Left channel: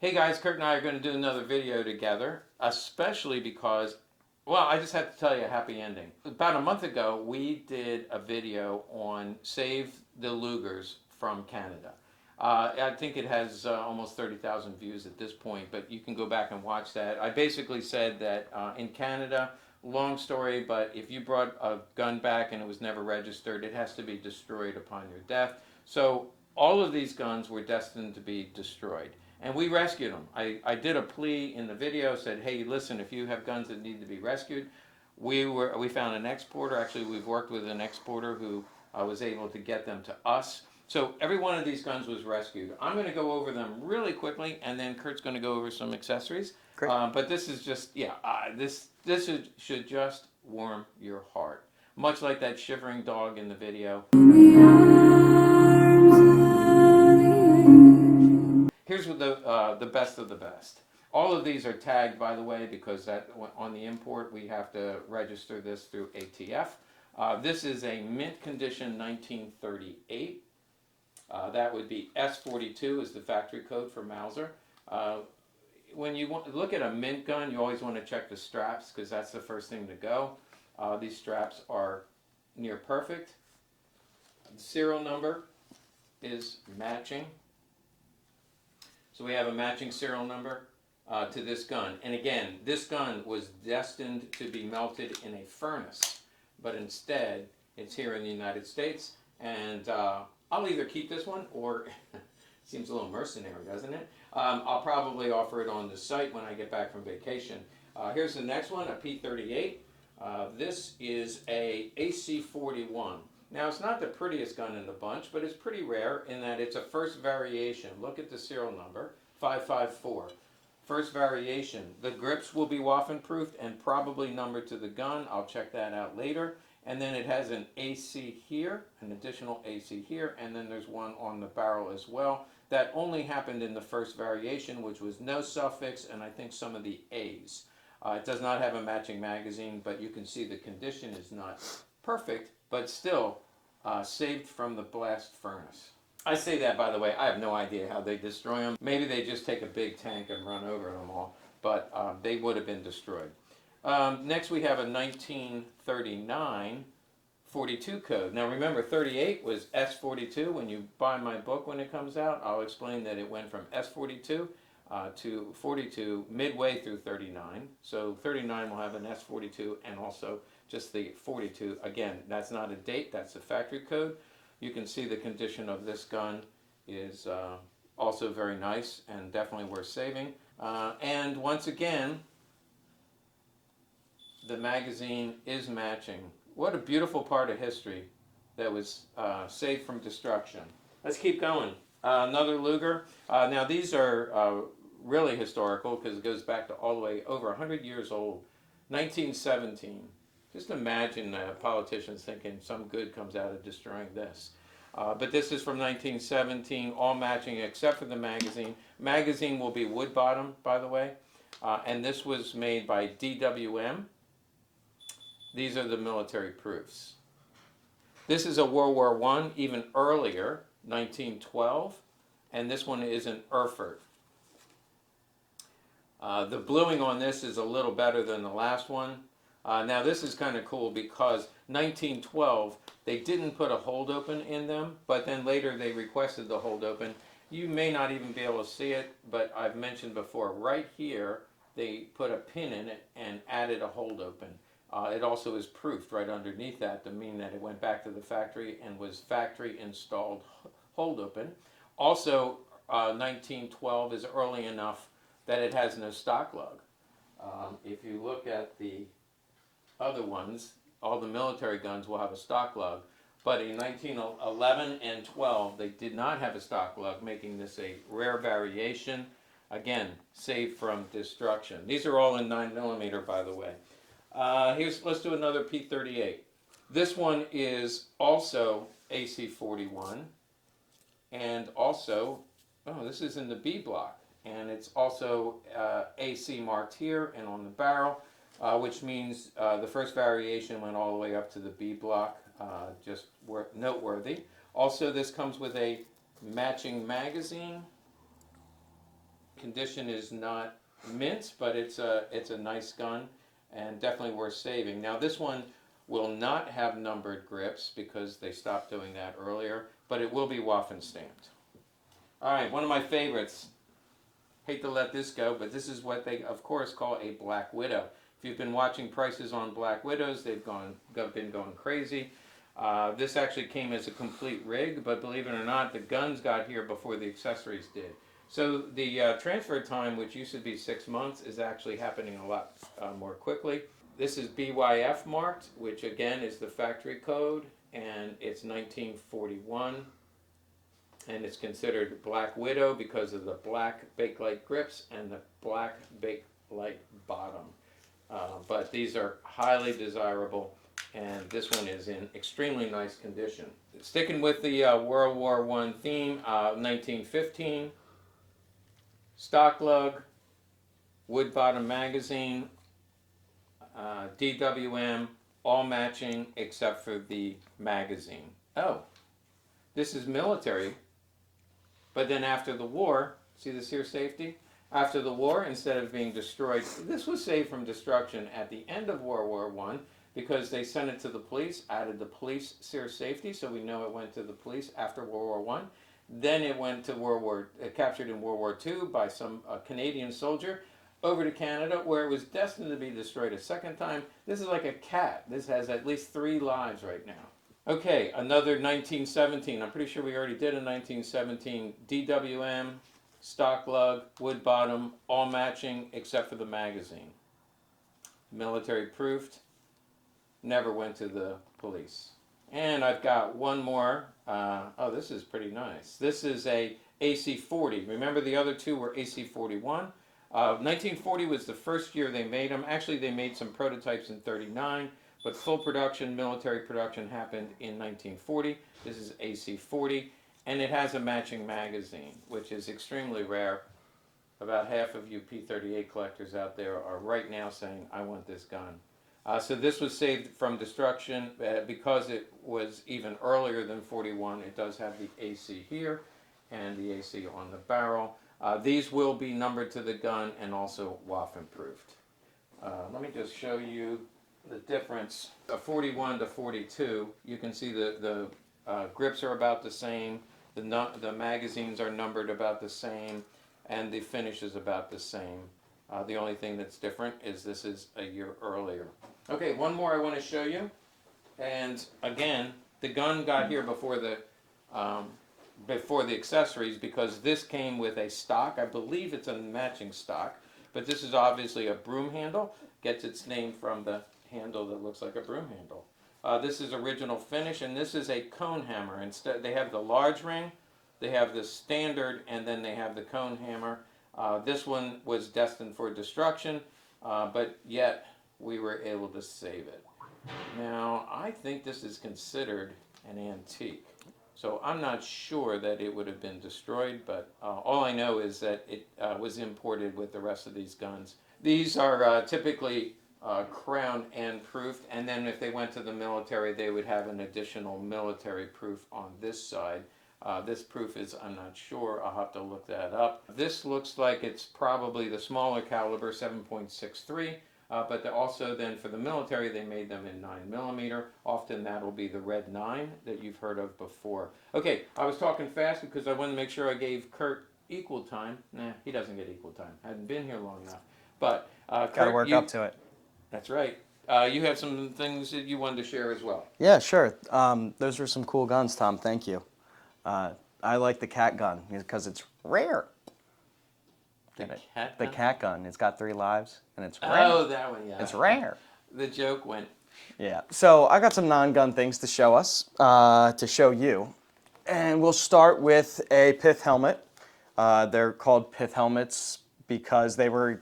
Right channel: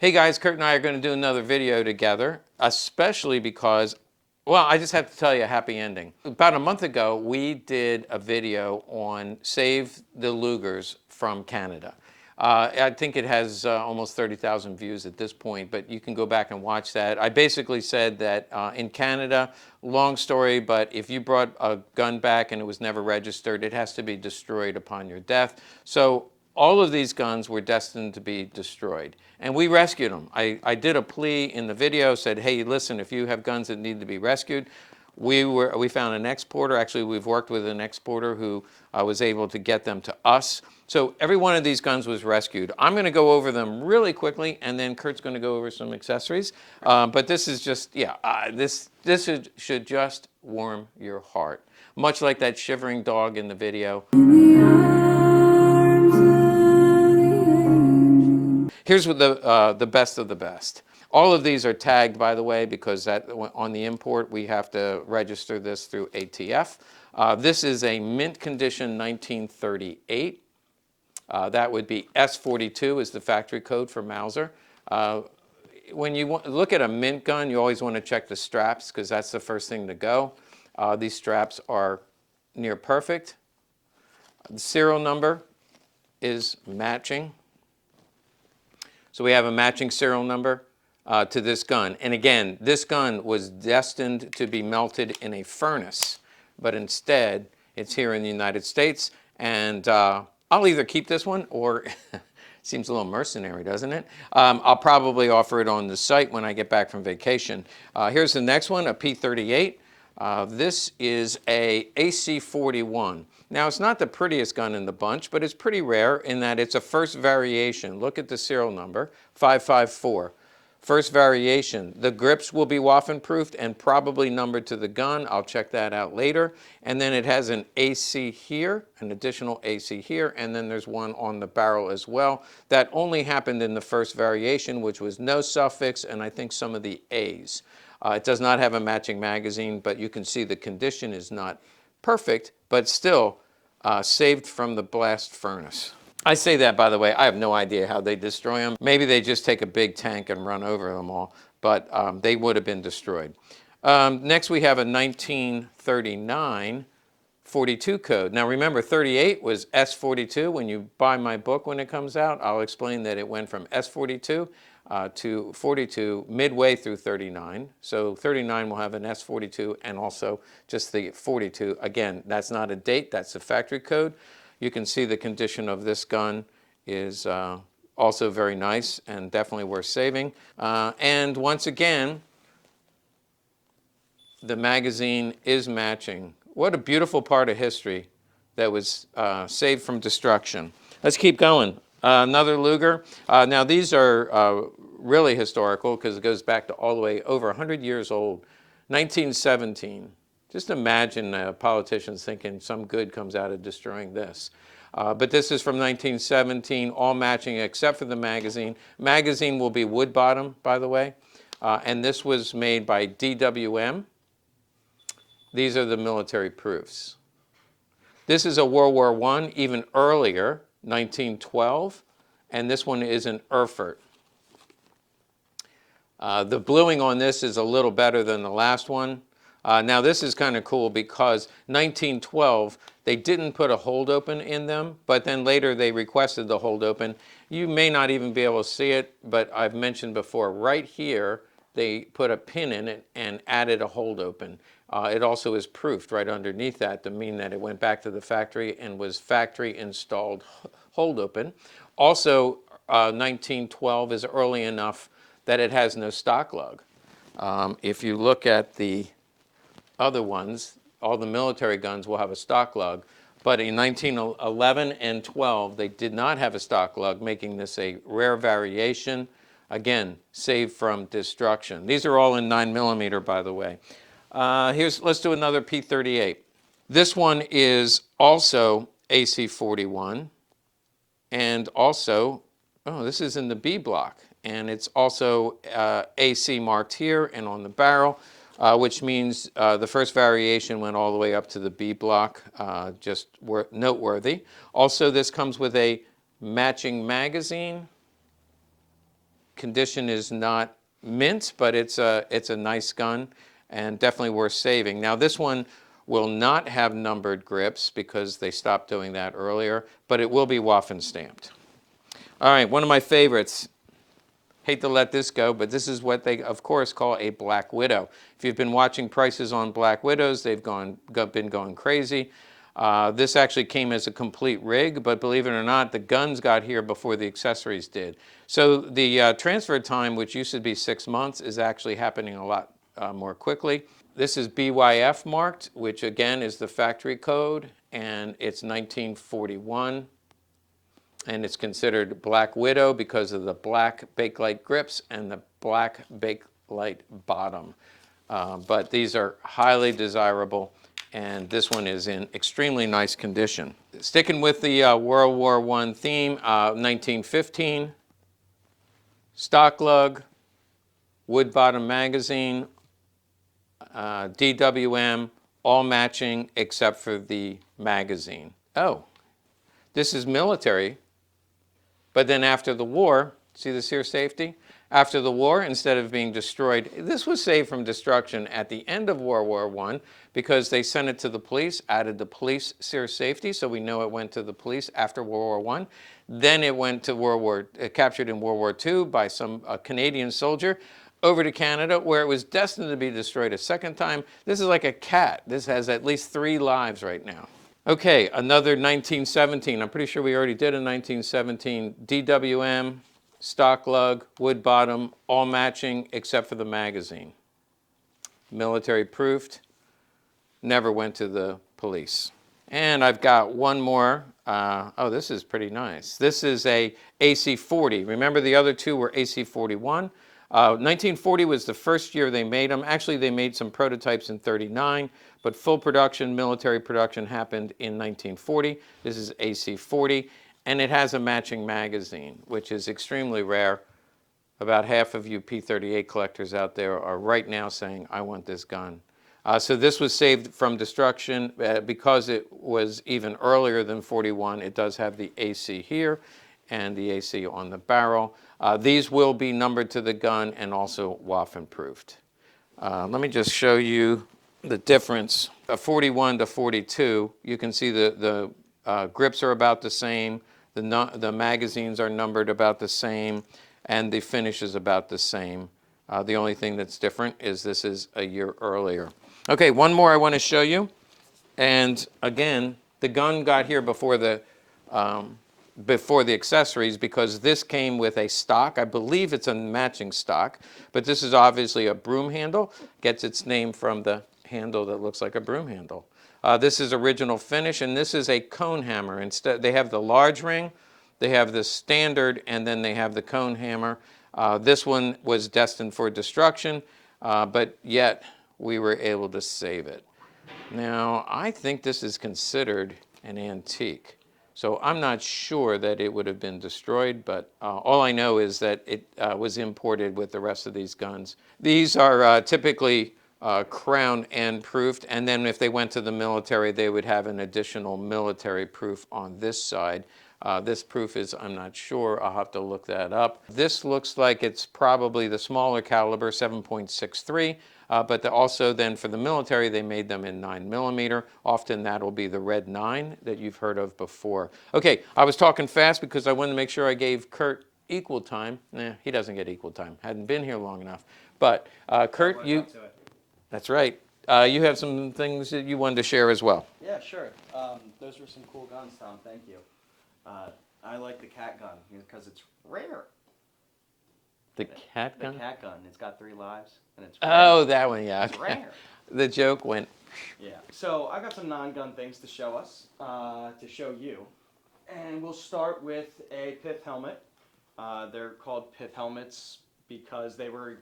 Hey guys, Kurt and I are going to do another video together, especially because, well, I just have to tell you a happy ending. About a month ago, we did a video on Save the Lugers from Canada. I think it has almost 30,000 views at this point, but you can go back and watch that. I basically said that in Canada, long story, but if you brought a gun back and it was never registered, it has to be destroyed upon your death. So all of these guns were destined to be destroyed. And we rescued them. I did a plea in the video, said, hey, listen, if you have guns that need to be rescued, we found an exporter. Actually, we've worked with an exporter who was able to get them to us. So every one of these guns was rescued. I'm going to go over them really quickly, and then Kurt's going to go over some accessories. But this is just, this should just warm your heart. Much like that shivering dog in the video. Here's what the best of the best. All of these are tagged, by the way, because on the import we have to register this through ATF. This is a mint condition 1938. That would be S42 is the factory code for Mauser. When you look at a mint gun, you always want to check the straps because that's the first thing to go. These straps are near perfect. The serial number is matching. So we have a matching serial number to this gun. And again, this gun was destined to be melted in a furnace, but instead it's here in the United States. And I'll either keep this one or, seems a little mercenary, doesn't it? I'll probably offer it on the site when I get back from vacation. Here's the next one, a P38. This is a AC-41. Now, it's not the prettiest gun in the bunch, but it's pretty rare in that it's a first variation. Look at the serial number, 554. First variation. The grips will be waffen-proofed and probably numbered to the gun. I'll check that out later. And then it has an AC here, an additional AC here, and then there's one on the barrel as well. That only happened in the first variation, which was no suffix, and I think some of the A's. It does not have a matching magazine, but you can see the condition is not perfect, but still saved from the blast furnace. I say that, by the way, I have no idea how they destroy them. Maybe they just take a big tank and run over them all, but they would have been destroyed. Next we have a 1939 42 code. Now remember, 38 was S42. When you buy my book when it comes out, I'll explain that it went from S42 to 42 midway through 39. So 39 will have an S42 and also just the 42. Again, that's not a date, that's the factory code. You can see the condition of this gun is also very nice and definitely worth saving. And once again, the magazine is matching. What a beautiful part of history that was saved from destruction. Let's keep going. Another Luger. Now these are really historical because it goes back to all the way over 100 years old. 1917. Just imagine politicians thinking some good comes out of destroying this. But this is from 1917, all matching except for the magazine. Magazine will be wood bottom, by the way. And this was made by DWM. These are the military proofs. This is a World War I, even earlier, 1912. And this one is an Erfurt. The bluing on this is a little better than the last one. Now this is kind of cool because 1912, they didn't put a hold open in them, but then later they requested the hold open. You may not even be able to see it, but I've mentioned before, right here, they put a pin in it and added a hold open. It also is proofed right underneath that to mean that it went back to the factory and was factory installed hold open. Also, 1912 is early enough that it has no stock lug. If you look at the other ones, all the military guns will have a stock lug, but in 1911 and 12, they did not have a stock lug, making this a rare variation. Again, saved from destruction. These are all in 9mm, by the way. Let's do another P38. This one is also AC-41, and also, this is in the B block, and it's also AC marked here and on the barrel. Which means the first variation went all the way up to the B block, just noteworthy. Also, this comes with a matching magazine. condition is not mint, but it's a nice gun and definitely worth saving. Now this one will not have numbered grips because they stopped doing that earlier, but it will be Waffen stamped. All right, one of my favorites. Hate to let this go, but this is what they, of course, call a Black Widow. If you've been watching prices on Black Widows, they've been going crazy. This actually came as a complete rig, but believe it or not, the guns got here before the accessories did. So the transfer time, which used to be 6 months, is actually happening a lot more quickly. This is BYF marked, which again is the factory code, and it's 1941. And it's considered Black Widow because of the black Bakelite grips and the black Bakelite bottom. But these are highly desirable, and this one is in extremely nice condition. Sticking with the World War I theme, 1915, stock lug, wood bottom magazine, DWM, all matching except for the magazine. Oh, this is military. But then after the war, see this here safety? After the war, instead of being destroyed, this was saved from destruction at the end of World War I because they sent it to the police, added the police sear safety, so we know it went to the police after World War I. Then it went to captured in World War II by some Canadian soldier, over to Canada, where it was destined to be destroyed a second time. This is like a cat. This has at least 3 lives right now. Okay, another 1917. I'm pretty sure we already did a 1917 DWM, stock lug, wood bottom, all matching except for the magazine. Military proofed, never went to the police. And I've got one more. Oh, this is pretty nice. This is a AC-40. Remember the other two were AC-41? 1940 was the first year they made them. Actually, they made some prototypes in 39. But full production, military production happened in 1940. This is AC-40, and it has a matching magazine, which is extremely rare. About half of you P38 collectors out there are right now saying, I want this gun. So this was saved from destruction because it was even earlier than 41. It does have the AC here and the AC on the barrel. These will be numbered to the gun and also Waffen-proofed. Let me just show you the difference. 41 to 42, you can see the grips are about the same, the magazines are numbered about the same, and the finish is about the same. The only thing that's different is this is a year earlier. Okay, one more I want to show you. And again, the gun got here before the accessories because this came with a stock. I believe it's a matching stock, but this is obviously a broom handle. Gets its name from the handle that looks like a broom handle. This is original finish, and this is a cone hammer. Instead, they have the large ring, they have the standard, and then they have the cone hammer. This one was destined for destruction, but yet we were able to save it. Now, I think this is considered an antique. So I'm not sure that it would have been destroyed, but all I know is that it was imported with the rest of these guns. These are typically crown and proofed, and then if they went to the military, they would have an additional military proof on this side. This proof is, I'm not sure, I'll have to look that up. This looks like it's probably the smaller caliber, 7.63, but also then for the military, they made them in 9mm. Often that'll be the red 9 that you've heard of before. Okay, I was talking fast because I wanted to make sure I gave Kurt equal time. Nah, he doesn't get equal time. Hadn't been here long enough. But Kurt, work up to it. That's right. You have some things that you wanted to share as well. Yeah, sure. Those were some cool guns, Tom. Thank you. I like the cat gun because it's rare. The cat gun? The cat gun. It's got 3 lives, and it's rare. Oh, that one, yeah. It's rare. The joke went. Yeah. So I got some non-gun things to show us, to show you. And we'll start with a pith helmet. They're called pith helmets because they were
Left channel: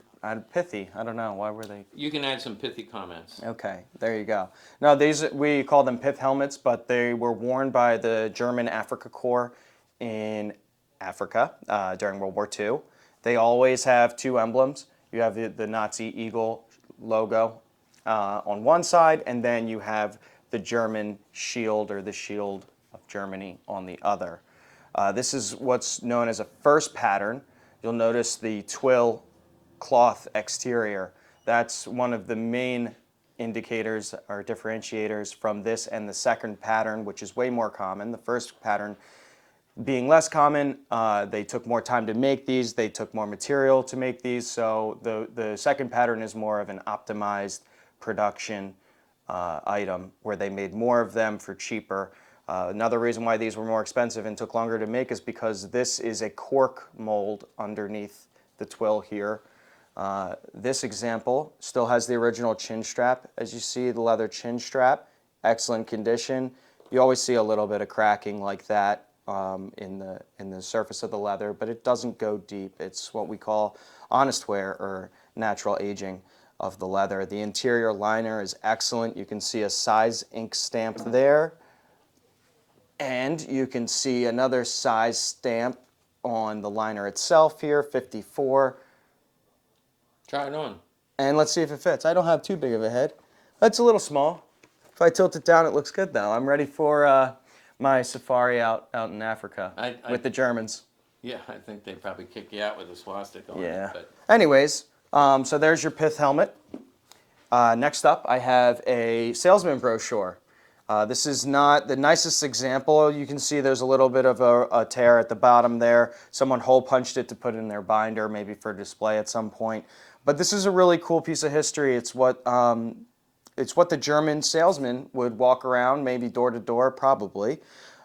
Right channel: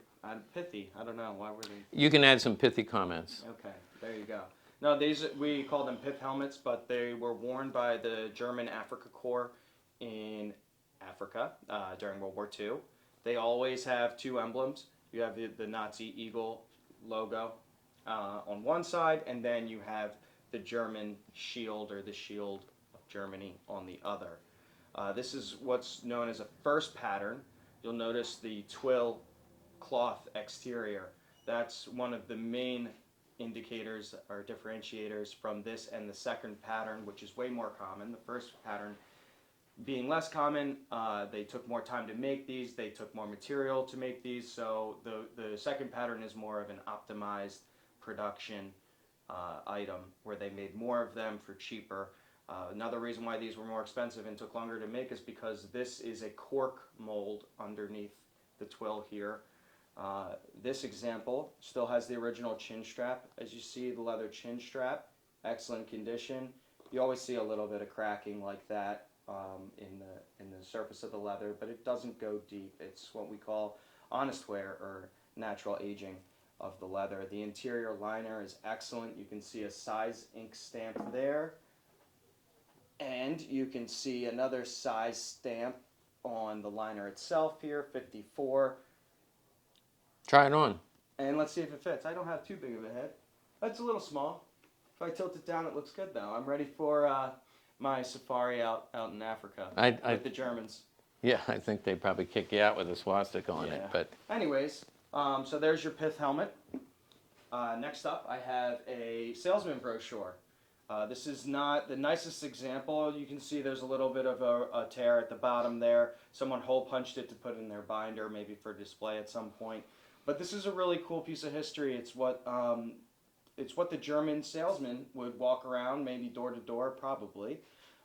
pithy. I don't know. Why were they? You can add some pithy comments. Okay, there you go. Now, these, we call them pith helmets, but they were worn by the German Afrika Corps in Africa during World War II. They always have 2 emblems. You have the Nazi eagle logo on one side, and then you have the German shield, or the shield of Germany, on the other. This is what's known as a first pattern. you'll notice the twill cloth exterior. That's one of the main indicators or differentiators from this and the second pattern, which is way more common. The first pattern being less common, they took more time to make these, they took more material to make these, so the second pattern is more of an optimized production item where they made more of them for cheaper. Another reason why these were more expensive and took longer to make is because this is a cork mold underneath the twill here. This example still has the original chin strap. As you see, the leather chin strap, excellent condition. You always see a little bit of cracking like that in the surface of the leather, but it doesn't go deep. It's what we call honest wear or natural aging of the leather. The interior liner is excellent. You can see a size ink stamp there, and you can see another size stamp on the liner itself here, 54. Try it on. And let's see if it fits. I don't have too big of a head. That's a little small. If I tilt it down, it looks good though. I'm ready for my safari out in Africa with the Germans. Yeah, I think they'd probably kick you out with a swastika on it. But anyways, so there's your pith helmet. Next up, I have a salesman brochure. This is not the nicest example. You can see there's a little bit of a tear at the bottom there. Someone hole punched it to put in their binder, maybe for display at some point. But this is a really cool piece of history. It's what the German salesman would walk around, maybe door to door, probably,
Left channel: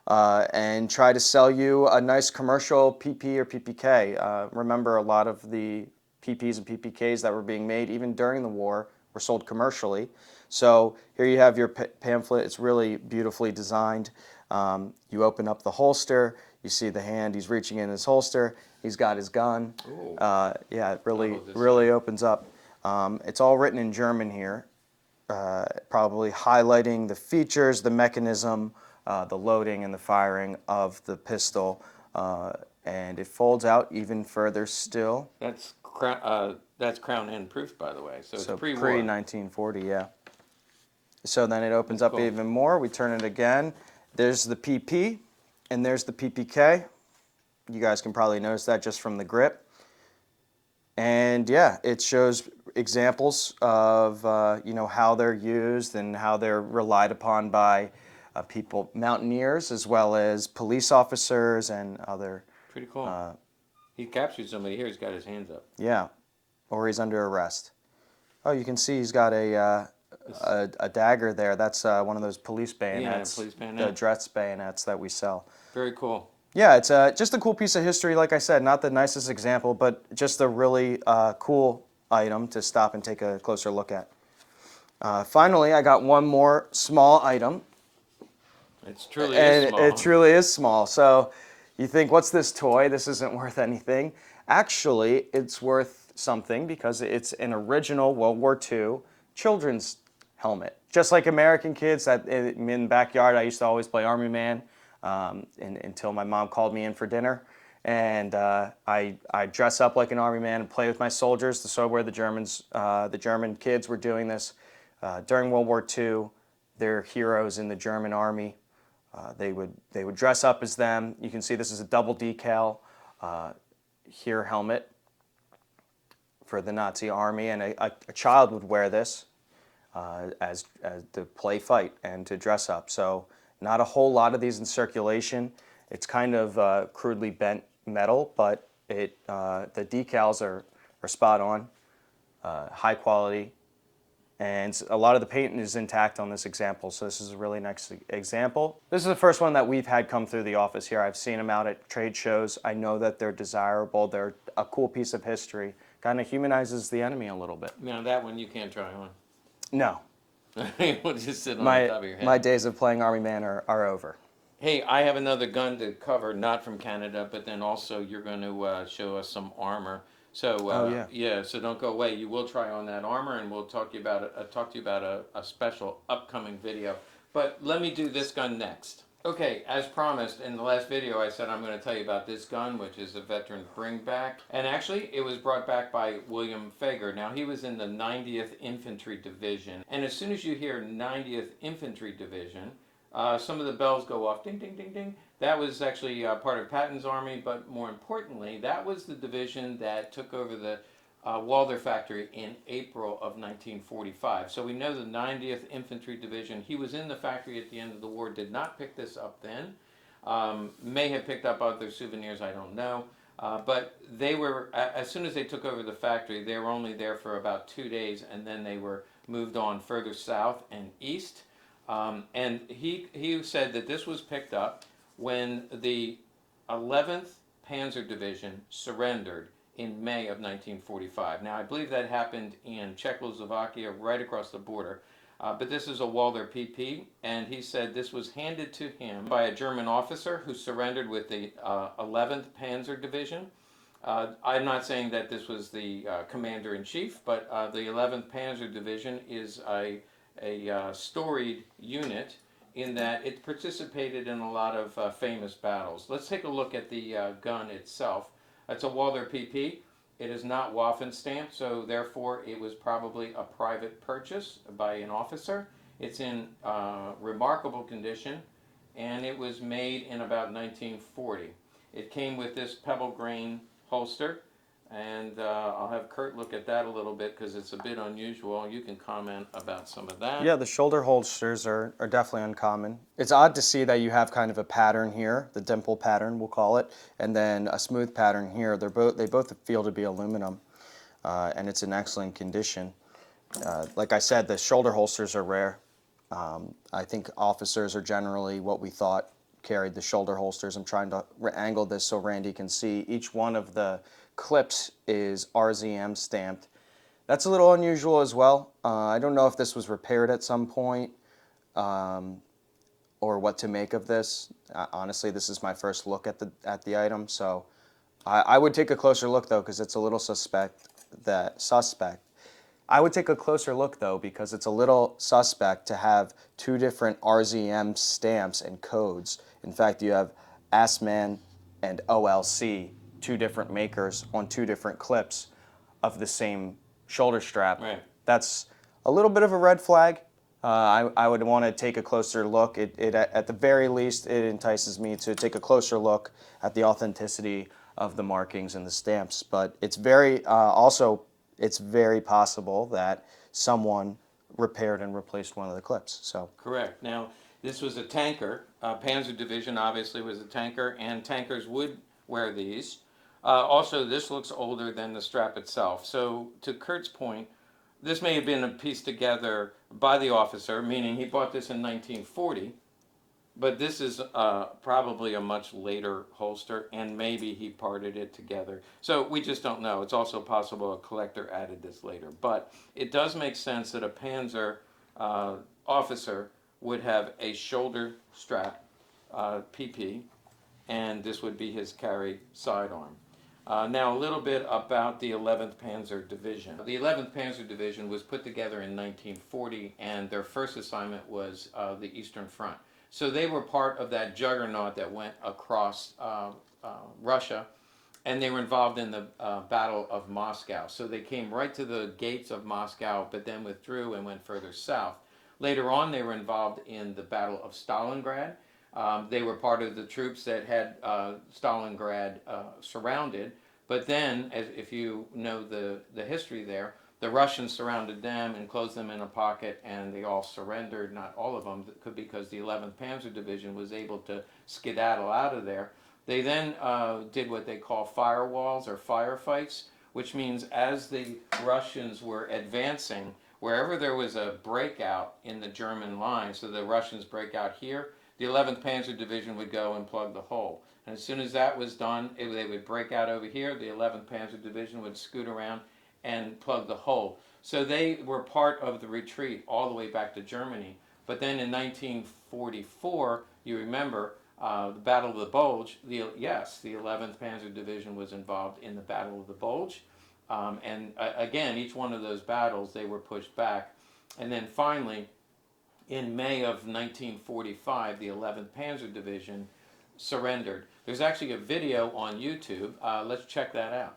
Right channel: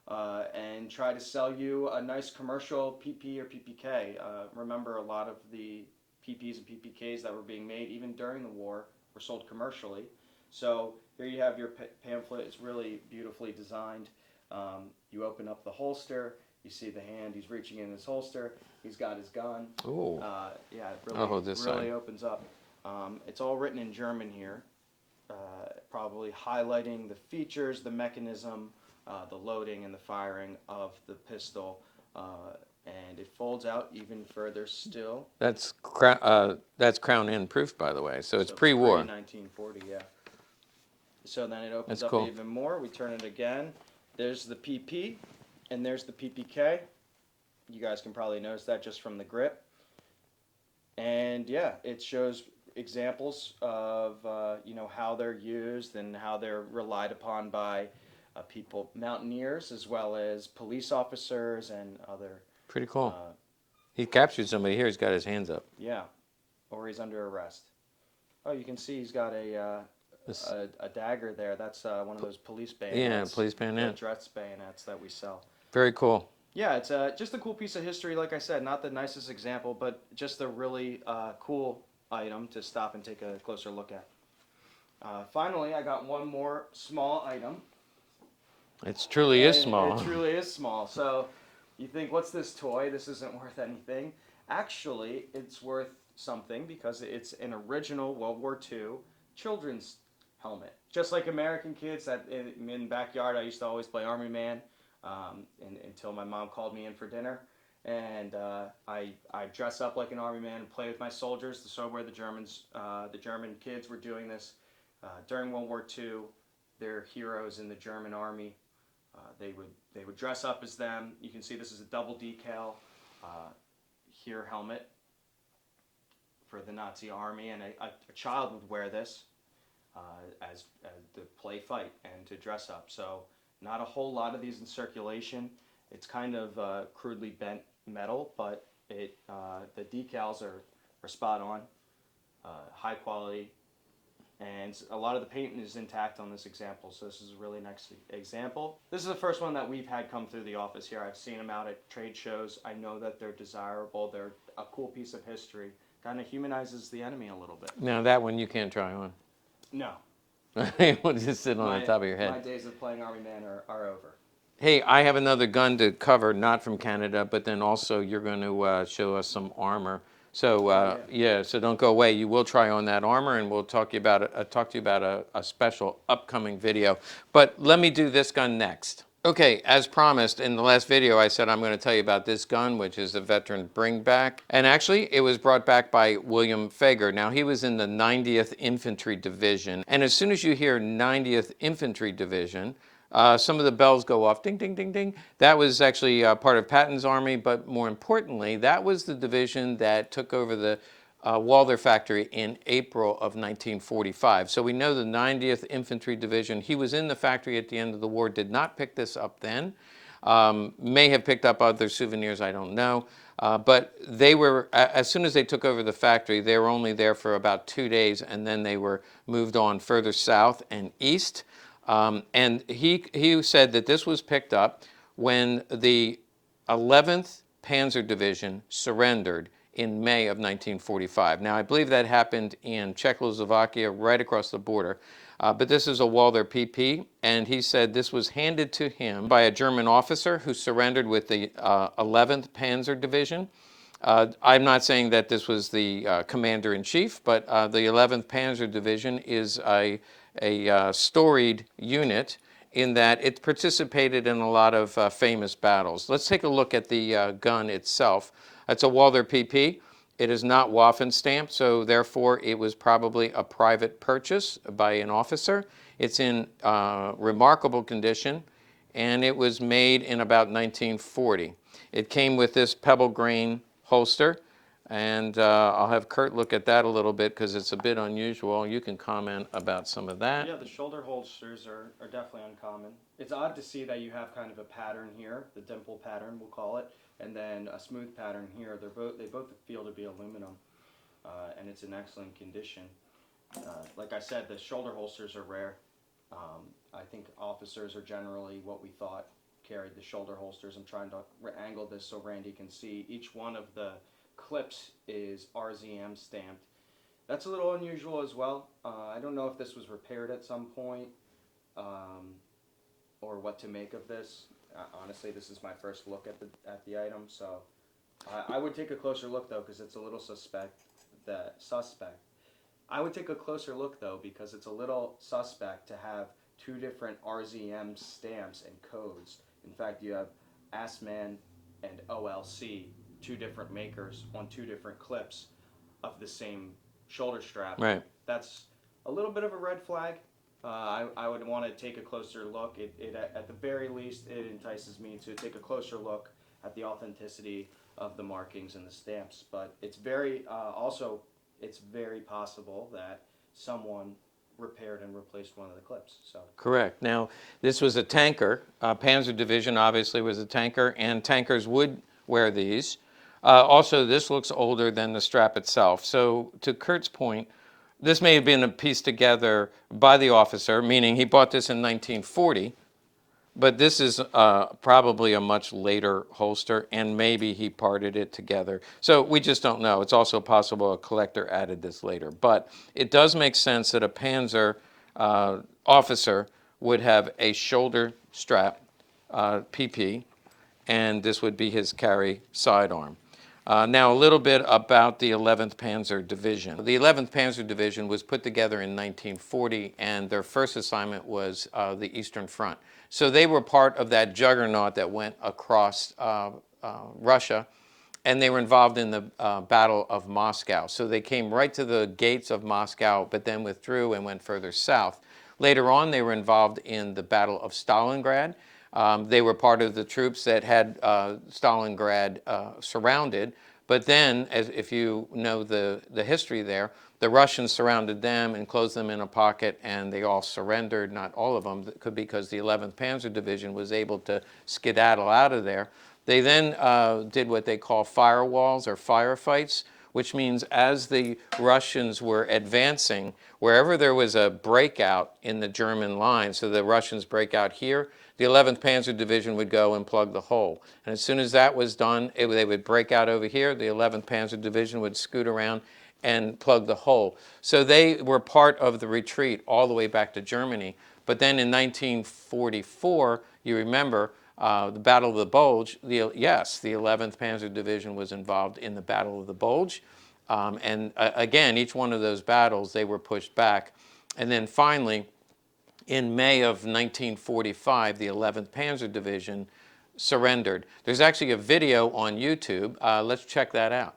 and try to sell you a nice commercial PP or PPK. Remember, a lot of the PPs and PPKs that were being made, even during the war, were sold commercially. So here you have your pamphlet. It's really beautifully designed. You open up the holster. You see the hand. He's reaching in his holster. He's got his gun. Yeah, it really opens up. It's all written in German here, probably highlighting the features, the mechanism, the loading and the firing of the pistol. And it folds out even further still. That's Crown Inn proof, by the way. So it's pre-war. Pre-1940, yeah. So then it opens up even more. We turn it again. There's the PP, and there's the PPK. You guys can probably notice that just from the grip. And yeah, it shows examples of how they're used and how they're relied upon by people, mountaineers, as well as police officers and other. Pretty cool. He captured somebody here. He's got his hands up. Yeah, or he's under arrest. Oh, you can see he's got a dagger there. That's one of those police bayonets. Yeah, police bayonet. The dress bayonets that we sell. Very cool. Yeah, it's just a cool piece of history. Like I said, not the nicest example, but just a really cool item to stop and take a closer look at. Finally, I got one more small item. It truly is small. It truly is small. So you think, what's this toy? This isn't worth anything. Actually, it's worth something because it's an original World War II children's helmet. Just like American kids, in the backyard, I used to always play Army Man until my mom called me in for dinner. And I dress up like an Army Man and play with my soldiers. So where the German kids were doing this during World War II. They're heroes in the German Army. They would dress up as them. You can see this is a double decal here helmet for the Nazi army, and a child would wear this as to play fight and to dress up. So not a whole lot of these in circulation. It's kind of crudely bent metal, but the decals are spot on, high quality. And a lot of the paint is intact on this example, so this is a really nice example. This is the first one that we've had come through the office here. I've seen them out at trade shows. I know that they're desirable. They're a cool piece of history. Kind of humanizes the enemy a little bit. Now that one you can't try on. No. You want to just sit on the top of your head. My days of playing Army Man are over. Hey, I have another gun to cover, not from Canada, but then also you're going to show us some armor. So so don't go away. You will try on that armor, and we'll talk to you about a special upcoming video. But let me do this gun next. Okay, as promised in the last video, I said I'm going to tell you about this gun, which is a veteran bringback. And actually, it was brought back by William Fager. Now, he was in the 90th Infantry Division. And as soon as you hear 90th Infantry Division, Some of the bells go off, ding, ding, ding, ding. That was actually part of Patton's army, but more importantly, that was the division that took over the Walther factory in April of 1945. So we know the 90th Infantry Division, he was in the factory at the end of the war, did not pick this up then. May have picked up other souvenirs, I don't know. But they were, as soon as they took over the factory, they were only there for about 2 days, and then they were moved on further south and east. And he said that this was picked up when the 11th Panzer Division surrendered in May of 1945. Now, I believe that happened in Czechoslovakia, right across the border. But this is a Walther PP, and he said this was handed to him by a German officer who surrendered with the 11th Panzer Division. I'm not saying that this was the commander-in-chief, but the 11th Panzer Division is a storied unit in that it participated in a lot of famous battles. Let's take a look at the gun itself. It's a Walther PP. It is not Waffen stamped, so therefore it was probably a private purchase by an officer. It's in remarkable condition, and it was made in about 1940. It came with this pebble grain holster, and I'll have Kurt look at that a little bit because it's a bit unusual. You can comment about some of that. Yeah, the shoulder holsters are definitely uncommon. It's odd to see that you have kind of a pattern here, the dimple pattern we'll call it, and then a smooth pattern here. They both feel to be aluminum, and it's in excellent condition. Like I said, the shoulder holsters are rare. I think officers are generally what we thought carried the shoulder holsters. I'm trying to angle this so Randy can see. Each one of the clips is RZM stamped. That's a little unusual as well. I don't know if this was repaired at some point or what to make of this. Honestly, this is my first look at the item, so I would take a closer look though because it's a little suspect. I would take a closer look though because it's a little suspect to have two different RZM stamps and codes. In fact, you have Assman and OLC, two different makers on two different clips of the same shoulder strap. Right. That's a little bit of a red flag. I would want to take a closer look. At the very least, it entices me to take a closer look at the authenticity of the markings and the stamps. But it's it's very possible that someone repaired and replaced one of the clips. So correct. Now, this was a tanker. Panzer Division obviously was a tanker, and tankers would wear these. Also, this looks older than the strap itself. So to Kurt's point, this may have been pieced together by the officer, meaning he bought this in 1940, but this is probably a much later holster, and maybe he parted it together. So we just don't know. It's also possible a collector added this later. But it does make sense that a Panzer officer would have a shoulder strap PP, and this would be his carry sidearm. Now, a little bit about the 11th Panzer Division. The 11th Panzer Division was put together in 1940, and their first assignment was the Eastern Front. So they were part of that juggernaut that went across Russia, and they were involved in the Battle of Moscow. So they came right to the gates of Moscow, but then withdrew and went further south. Later on, they were involved in the Battle of Stalingrad. They were part of the troops that had Stalingrad surrounded. But then, if you know the history there, the Russians surrounded them and closed them in a pocket, and they all surrendered. Not all of them, because the 11th Panzer Division was able to skedaddle out of there. They then did what they call firewalls or firefights, which means as the Russians were advancing, wherever there was a breakout in the German line, so the Russians break out here, the 11th Panzer Division would go and plug the hole. And as soon as that was done, they would break out over here. The 11th Panzer Division would scoot around and plug the hole. So they were part of the retreat all the way back to Germany. But then in 1944, you remember the Battle of the Bulge. The 11th Panzer Division was involved in the Battle of the Bulge. Again, each one of those battles, they were pushed back. And then finally, in May of 1945, the 11th Panzer Division surrendered. There's actually a video on YouTube. Let's check that out.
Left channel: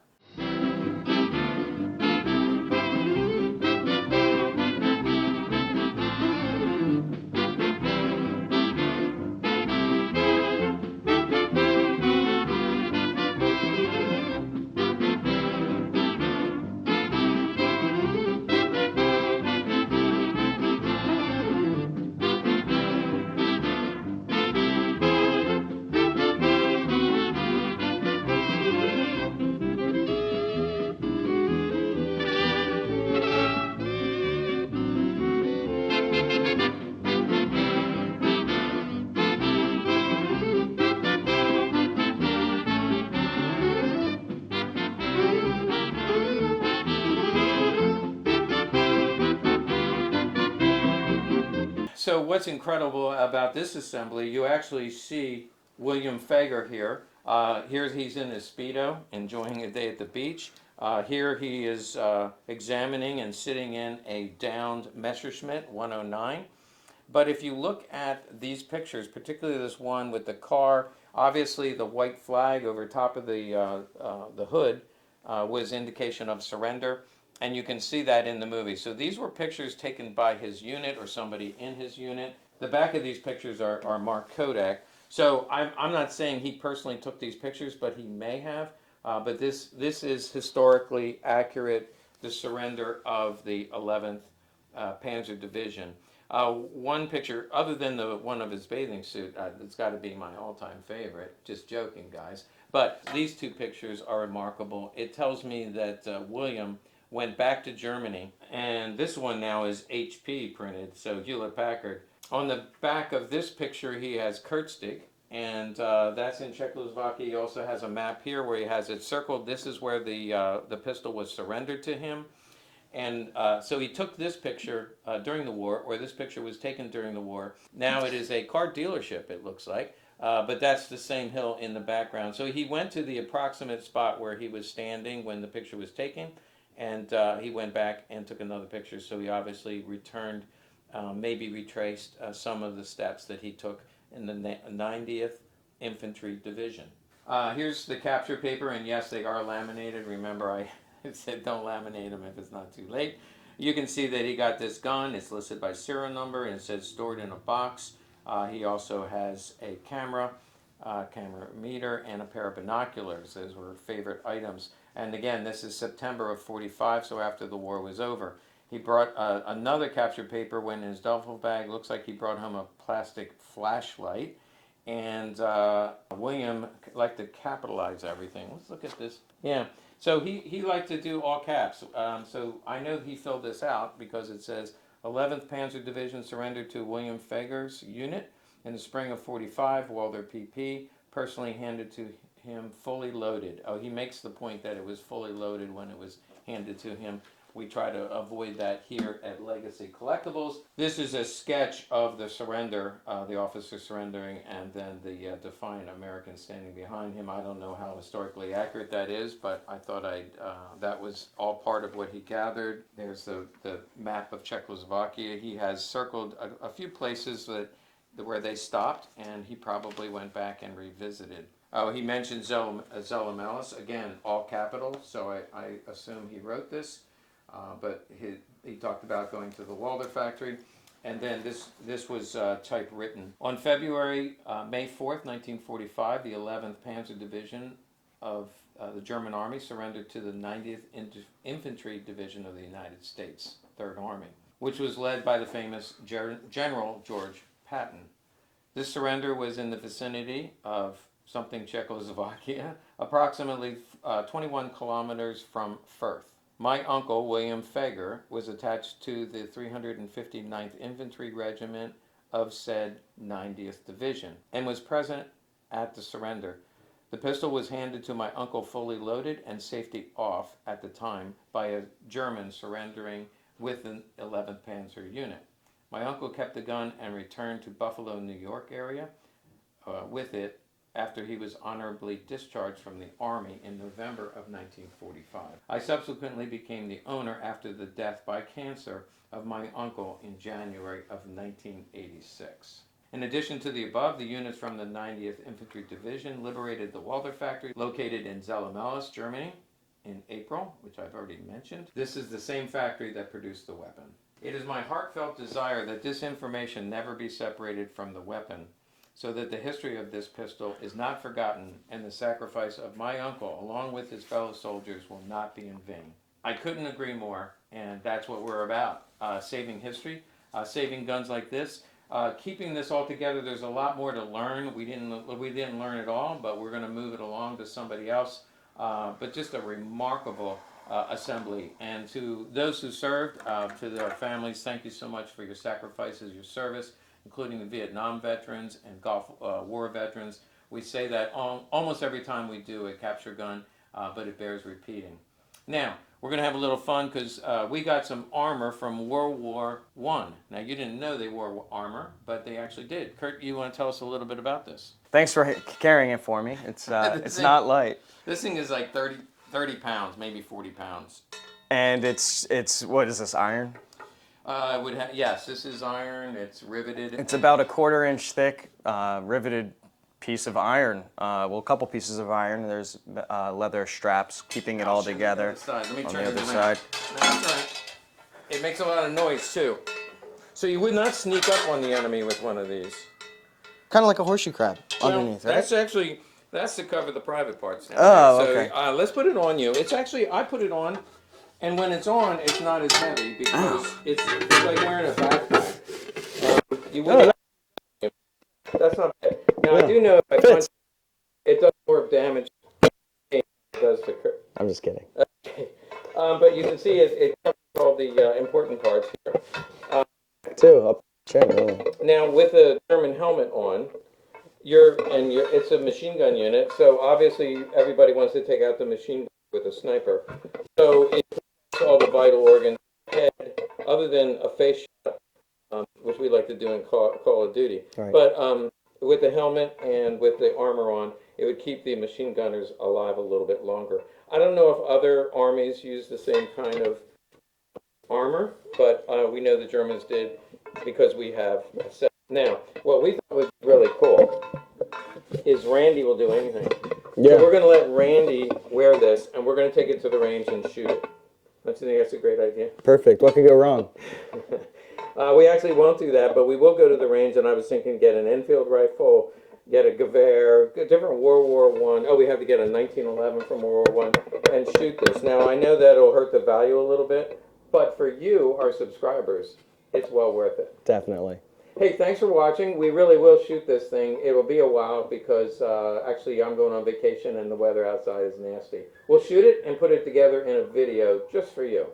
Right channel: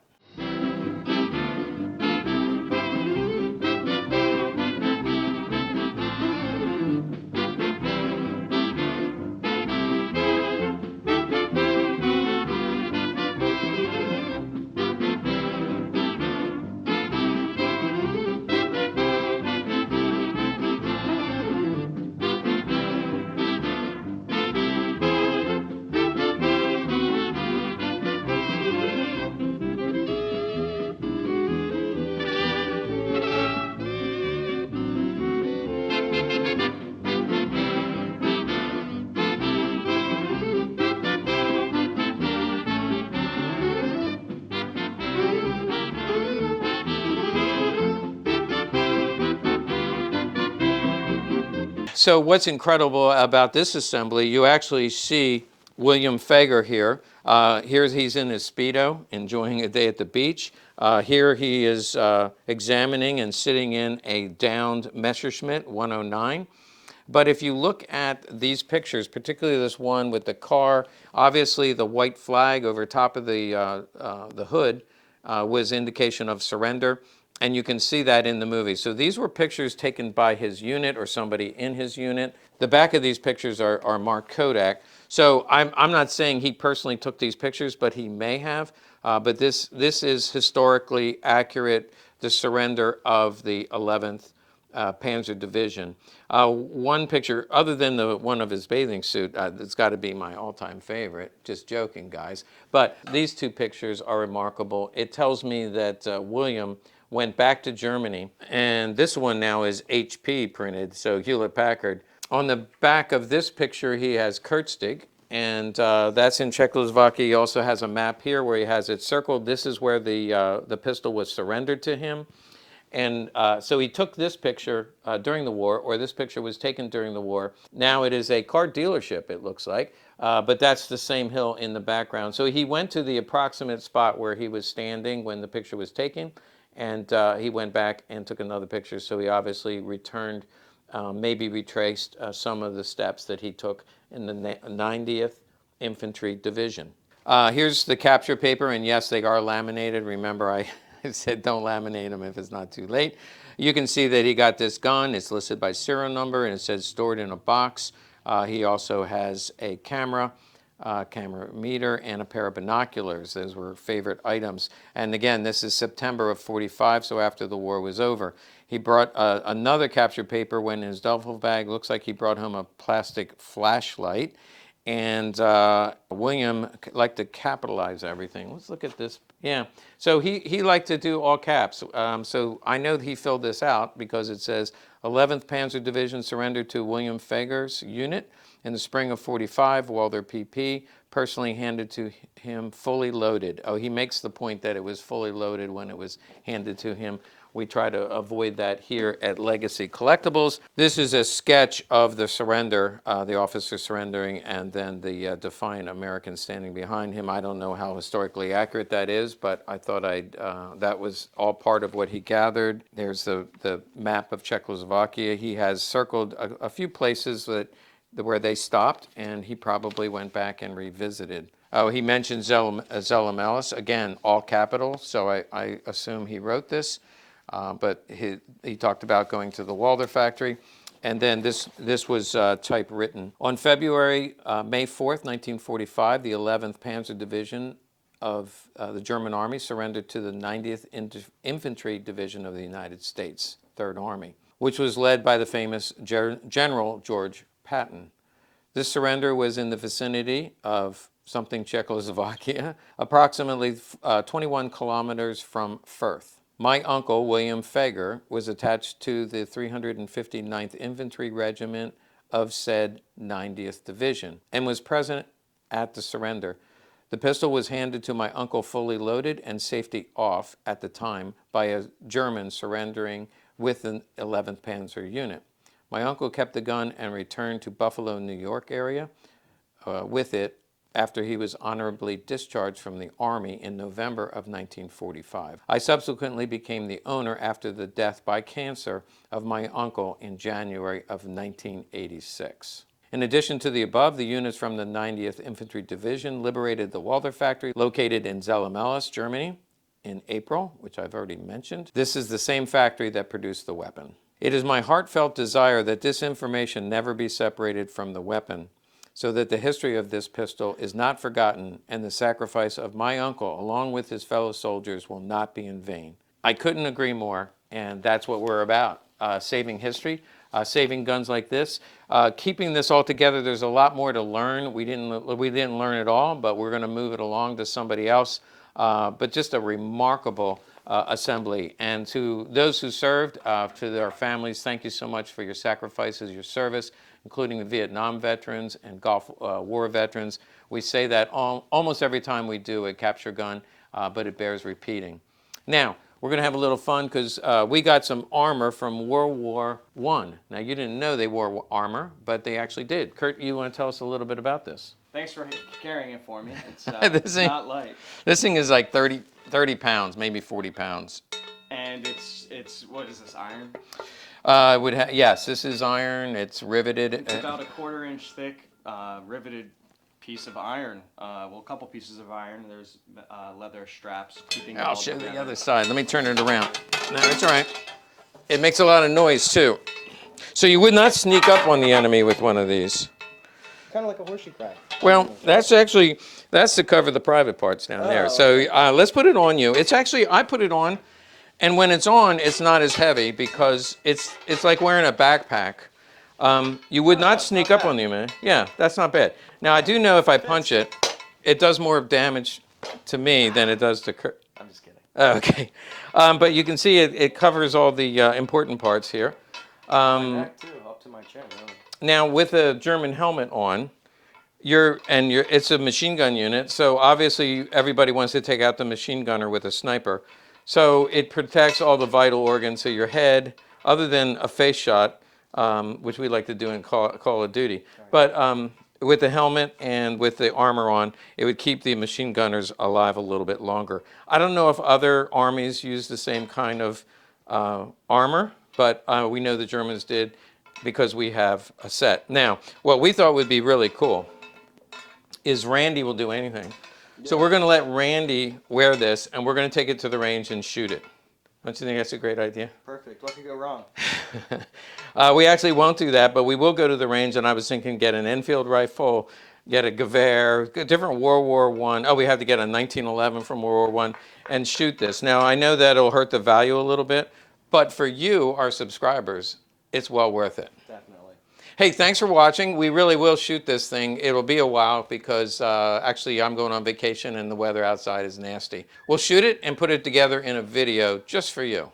So what's incredible about this assembly, you actually see William Fager here. Here he's in his Speedo, enjoying a day at the beach. Here he is examining and sitting in a downed Messerschmitt 109. But if you look at these pictures, particularly this one with the car, obviously the white flag over top of the hood was indication of surrender, and you can see that in the movie. So these were pictures taken by his unit or somebody in his unit. The back of these pictures are marked Kodak. So I'm not saying he personally took these pictures, but he may have. But this is historically accurate, the surrender of the 11th Panzer Division. One picture, other than the one of his bathing suit, it's got to be my all-time favorite. Just joking, guys. But these two pictures are remarkable. It tells me that William went back to Germany, and this one now is HP printed, so Hewlett-Packard. On the back of this picture, he has Kurtzig, and that's in Czechoslovakia. He also has a map here where he has it circled. This is where the pistol was surrendered to him. And so he took this picture during the war, or this picture was taken during the war. Now it is a car dealership, it looks like, but that's the same hill in the background. So he went to the approximate spot where he was standing when the picture was taken, and he went back and took another picture. So he obviously returned, maybe retraced some of the steps that he took in the 90th Infantry Division. Here's the capture paper, and yes, they are laminated. Remember, I said don't laminate them if it's not too late. You can see that he got this gun. It's listed by serial number, and it says stored in a box. He also has a camera meter, and a pair of binoculars. Those were favorite items. And again, this is September of '45, so after the war was over. He brought another capture paper when in his duffel bag. Looks like he brought home a plastic flashlight. And William liked to capitalize everything. Let's look at this. Yeah, so he liked to do all caps. So I know he filled this out because it says 11th Panzer Division surrendered to William Fager's unit in the spring of '45. Walther PP personally handed to him fully loaded. Oh, he makes the point that it was fully loaded when it was handed to him. We try to avoid that here at Legacy Collectibles. This is a sketch of the surrender, the officer surrendering, and then the defiant American standing behind him. I don't know how historically accurate that is, but I thought that was all part of what he gathered. There's the map of Czechoslovakia. He has circled a few places where they stopped, and he probably went back and revisited. Oh, he mentioned Zella, again, all capital, so I assume he wrote this. But he talked about going to the Walther factory, and then this was typewritten. On May 4th, 1945, the 11th Panzer Division of the German Army surrendered to the 90th Infantry Division of the United States, Third Army, which was led by the famous General George Patton. This surrender was in the vicinity of something Czechoslovakia, approximately 21 kilometers from Firth. My uncle, William Fager, was attached to the 359th Infantry Regiment of said 90th Division and was present at the surrender. The pistol was handed to my uncle fully loaded and safety off at the time by a German surrendering with an 11th Panzer unit. My uncle kept the gun and returned to Buffalo, New York area with it after he was honorably discharged from the Army in November of 1945. I subsequently became the owner after the death by cancer of my uncle in January of 1986. In addition to the above, the units from the 90th Infantry Division liberated the Walther factory located in Zella, Germany in April, which I've already mentioned. This is the same factory that produced the weapon. It is my heartfelt desire that this information never be separated from the weapon, so that the history of this pistol is not forgotten and the sacrifice of my uncle along with his fellow soldiers will not be in vain. I couldn't agree more, and that's what we're about, saving history, saving guns like this. Keeping this all together, there's a lot more to learn. We didn't learn it all, but we're going to move it along to somebody else. But just a remarkable assembly. And to those who served, to their families, thank you so much for your sacrifices, your service, including the Vietnam veterans and Gulf War veterans. We say that almost every time we do a capture gun, but it bears repeating. Now, we're going to have a little fun because we got some armor from World War I. Now, you didn't know they wore armor, but they actually did. Kurt, you want to tell us a little bit about this? Thanks for carrying it for me. It's not light. This thing is like 30 pounds, maybe 40 pounds. And it's what is this, iron? Yes, this is iron. It's riveted. It's about a 1/4 inch thick, riveted piece of iron. A couple pieces of iron. There's leather straps keeping it all show you together. The other side. Let me turn it other around. side. No, that's all right. It makes a lot of noise too. So you would not sneak up on the enemy with one of these. Kind of like a horseshoe crab. Well, that's to cover the private parts down Oh, there. So okay. let's put it on you. It's actually, I put it on, and when it's on, it's not as heavy because it's like wearing a backpack. You would not sneak up on the enemy. Yeah, that's not bad. Now I do know if I punch it, it does more damage to me than it does to Kurt. I'm just kidding. Okay, but you can see it covers all the important parts here. Too, up to my chin, really. Now, with a German helmet on, it's a machine gun unit, so obviously everybody wants to take out the machine gunner with a sniper. So it protects all the vital organs of your head, other than a face shot, which we like to do in Call of Duty. Right. But with the helmet and with the armor on, it would keep the machine gunners alive a little bit longer. I don't know if other armies use the same kind of armor, but we know the Germans did because we have a set. Now, what we thought would be really cool is Randy will do anything. Yeah. So we're going to let Randy wear this, and we're going to take it to the range and shoot it. Don't you think that's a great idea? Perfect. What could go wrong? We actually won't do that, but we will go to the range, and I was thinking get an Enfield rifle, get a Gewehr, different World War I. Oh, we have to get a 1911 from World War I and shoot this. Now, I know that it'll hurt the value a little bit, but for you, our subscribers, it's well worth it. Definitely. Hey, thanks for watching. We really will shoot this thing. It'll be a while because actually I'm going on vacation and the weather outside is nasty. We'll shoot it and put it together in a video just for you.